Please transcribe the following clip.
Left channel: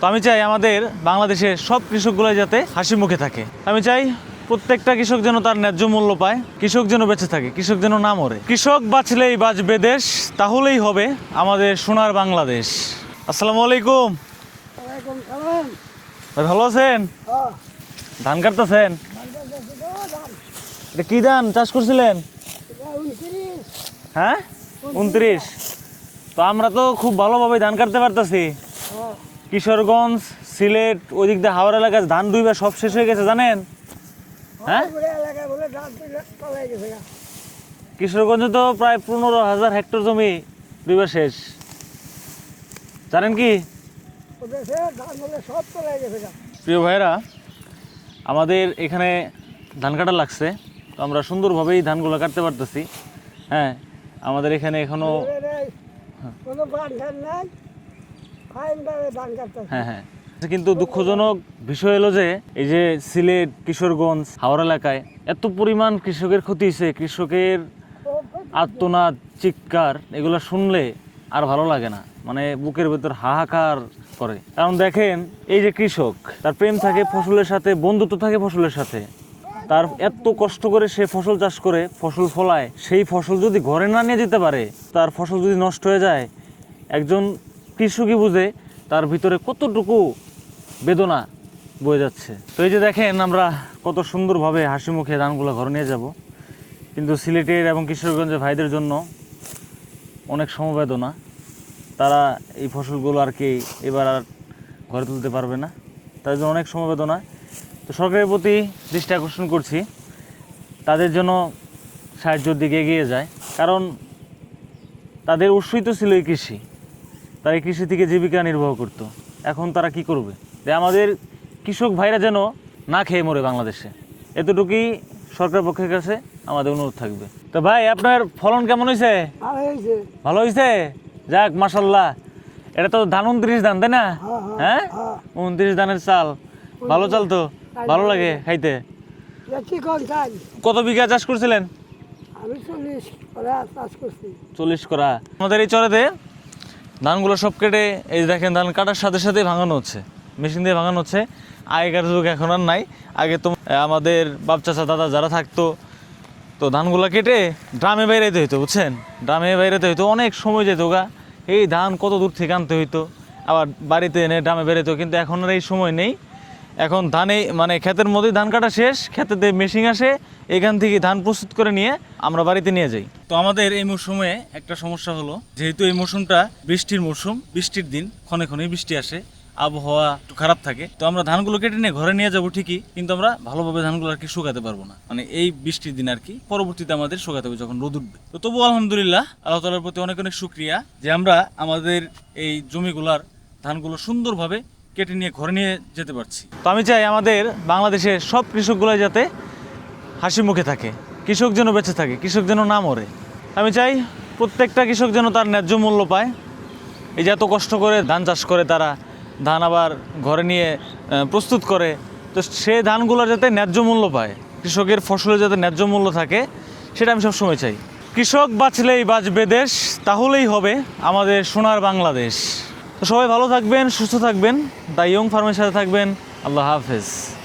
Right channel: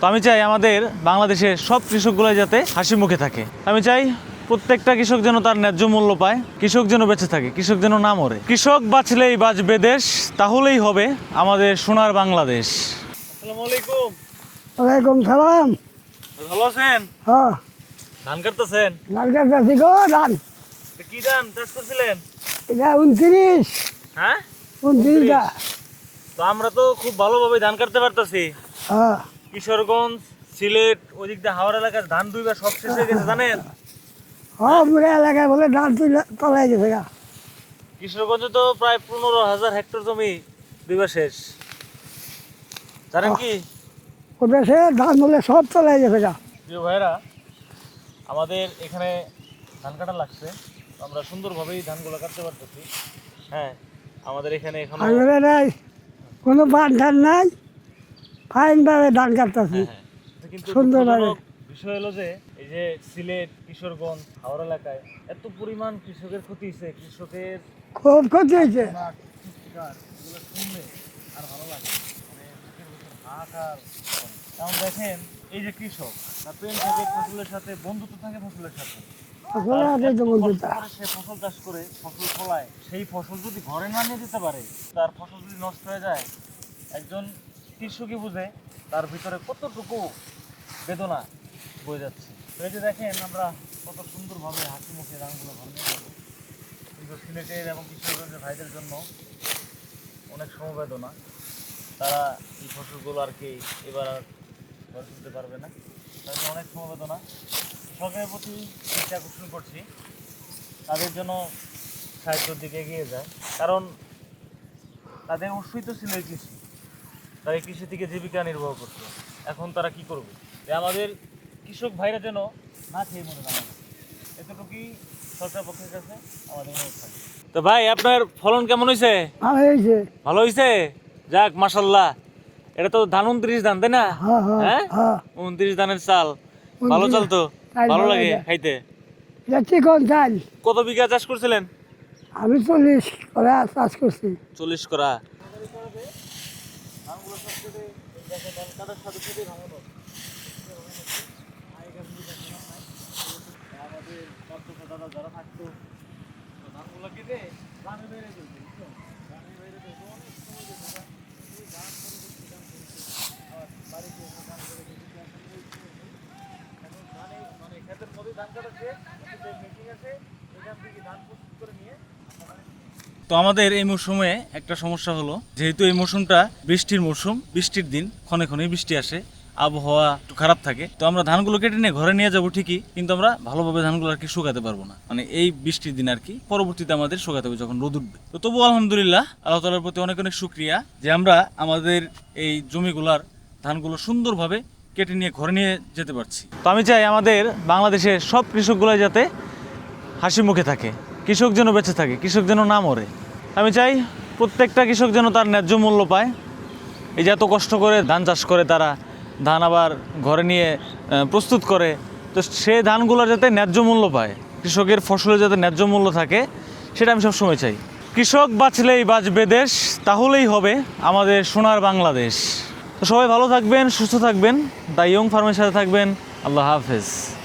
তো আমি চাই আমাদের বাংলাদেশের সব কৃষকগুলো যাতে হাসি মুখে থাকে। আমি চাই প্রত্যেকটা কৃষক যেন তার ন্যায্য মূল্য পায়, কৃষক যেন বেঁচে থাকে, কৃষক যেন না মরে। কৃষক বাঁচলেই বাঁচবে দেশ, তাহলেই হবে আমাদের সোনার বাংলাদেশ। আসসালামু আলাইকুম। ওয়ালাইকুম সালাম। ভাই ভালো আছেন? হ্যাঁ, ধান কাটতেছেন? ধান কাটতেছি গো ধান। এটা কি ধান চাষ করছিলেন? এটা 29। হ্যাঁ, 29। তো আমরা তো খুব ভালোভাবে ধান কাটতে পারতাছি। হ্যাঁ, কিশোরগঞ্জ, সিলেট, ওই দিক দিয়ে হাওড় এলাকায় ধান দুইবার সব শেষ হয়ে গেছে জানেন? হ্যাঁ, পুরো এলাকায় বলে ধান তলায় গেছে গা। কিশোরগঞ্জে তো প্রায় 15,000 হেক্টর জমি দুইবার শেষ, জানেন কি? ওটা সে ধান বলে সব তলায় গেছে গা। প্রিয় ভাইরা, আমাদের এখানে ধান কাটা লাগছে, তো আমরা সুন্দরভাবেই ধানগুলো কাটতে পারতেছি। হ্যাঁ, আমাদের এখানে এখনো আগরে নাই কোনো বান ধান নাই, ফাইনভাবে ধান কাটতেছি। হ্যাঁ হ্যাঁ, কিন্তু দুঃখজনক বিষয় হলো যে এই যে সিলেট, কিশোরগঞ্জ, হাওড় এলাকায় এত পরিমাণ কৃষকের ক্ষতি হয়েছে, কৃষকের খুব ক্ষতি হয়েছে। আর্তনাদ, চিৎকার, এগুলো শুনলে আর ভালো লাগে না, মানে বুকের ভেতর হাহাকার করে। কারণ দেখেন, এই যে কৃষক, তার প্রেম থাকে ফসলের সাথে, বন্ধুত্ব থাকে ফসলের সাথে, তার এত কষ্ট করে সে ফসল চাষ করে, ফসল ফলায়, সেই ফসল যদি ঘরে না নিয়ে যেতে পারে, তার ফসল যদি নষ্ট হয়ে যায়, একজন কৃষকই বুঝে তার ভিতরে কতটুকু বেদনা বয়ে যাচ্ছে। তো এই যে দেখেন, আমরা কত সুন্দরভাবে হাসি মুখে ধানগুলো ঘরে নিয়ে যাব, কিন্তু সিলেটের এবং কিশোরগঞ্জের ভাইদের জন্য অনেক সমবেদনা। তারা এই ফসলগুলো আর কি এবার আর ঘরে তুলতে পারবে না, তার জন্য অনেক সমবেদনা। তো সরকারের প্রতি দৃষ্টি আকর্ষণ করছি, তাদের জন্য সাহায্যের দিকে এগিয়ে যায়, কারণ তাদের উৎসই তো ছিল এই কৃষি, তারা এই কৃষি থেকে জীবিকা নির্বাহ করতো। এখন তারা কি করবে? যে আমাদের কৃষক ভাইরা যেন না খেয়ে মরে বাংলাদেশে, এতটুকুই সরকার পক্ষের কাছে আমাদের অনুরোধ থাকবে। তো ভাই, আপনার ফলন কেমন হয়েছে? ভালো হয়েছে। ভালো হয়েছে? যাক, মাশাল্লাহ। এটা তো ধান 29 ধান, তাই না? হ্যাঁ, হ্যাঁ, হ্যাঁ, হ্যাঁ। 29 ধানের চাল, ভালো চাল তো, চাল ভালো ভালো লাগে লাগে। খাইতে। যাচ্ছি কোন চাল? কত বিঘা চাষ করছিলেন? আমি 40 করে চাষ করছি। 40 করা। আমাদের এই চরেতে ধানগুলো সব কেটে, এই যে দেখেন, ধান কাটার সাথে সাথে ভাঙানো হচ্ছে, মেশিন দিয়ে ভাঙানো হচ্ছে। আগেকার যুগ এখন আর নাই। আগে তো আমাদের বাপ চাচা দাদা যারা থাকতো, তো ধানগুলো কেটে ড্রামে বাইরেতে হইতো, বুঝছেন? ড্রামে বাইরেতে হইতো, অনেক সময় যেত গা। এই ধান কত দূর থেকে আনতে হইতো, আবার বাড়িতে এনে ড্রামে বেরোতো। কিন্তু এখন আর এই সময় নেই। এখন ধানে মানে ক্ষেতের মধ্যেই ধান কাটা শেষ, ক্ষেতেতে মেশিন আসে, এখান থেকে ধান প্রস্তুত করে নিয়ে আমরা বাড়িতে নিয়ে যাই। তো আমাদের এই মৌসুমে একটা সমস্যা হলো, যেহেতু এই মৌসুমটা বৃষ্টির মৌসুম, বৃষ্টির দিন, ক্ষণে ক্ষণে বৃষ্টি আসে, আবহাওয়া একটু খারাপ থাকে। তো আমরা ধানগুলো কেটে নিয়ে ঘরে নিয়ে যাবো ঠিকই, কিন্তু আমরা ভালোভাবে ধানগুলো আর কি শুকাতে পারবো না, মানে এই বৃষ্টির দিন আর কি। পরবর্তীতে আমাদের শুকাতে হবে যখন রোদ উঠবে। তো তবু আলহামদুলিল্লাহ, আল্লাহ তাআলার প্রতি অনেক অনেক শুকরিয়া যে আমরা আমাদের এই জমিগুলার ধানগুলো সুন্দরভাবে কেটে নিয়ে ঘরে নিয়ে যেতে পারছি। তো আমি চাই আমাদের বাংলাদেশের সব কৃষকগুলো যাতে হাসি মুখে থাকে, কৃষক যেন বেঁচে থাকে, কৃষক যেন না মরে। আমি চাই প্রত্যেকটা কৃষক যেন তার ন্যায্য মূল্য পায়। এই যে এত কষ্ট করে ধান চাষ করে, তারা ধান আবার ঘরে নিয়ে প্রস্তুত করে, তো সে ধানগুলোর যাতে ন্যায্য মূল্য পায়, কৃষকের ফসলের যাতে ন্যায্য মূল্য থাকে, সেটা আমি সবসময় চাই। কৃষক বাঁচলেই বাঁচবে দেশ, তাহলেই হবে আমাদের সোনার বাংলাদেশ। তো সবাই ভালো থাকবেন, সুস্থ থাকবেন, দ্য ইয়ং ফার্মের সাথে থাকবেন। আল্লাহ হাফেজ।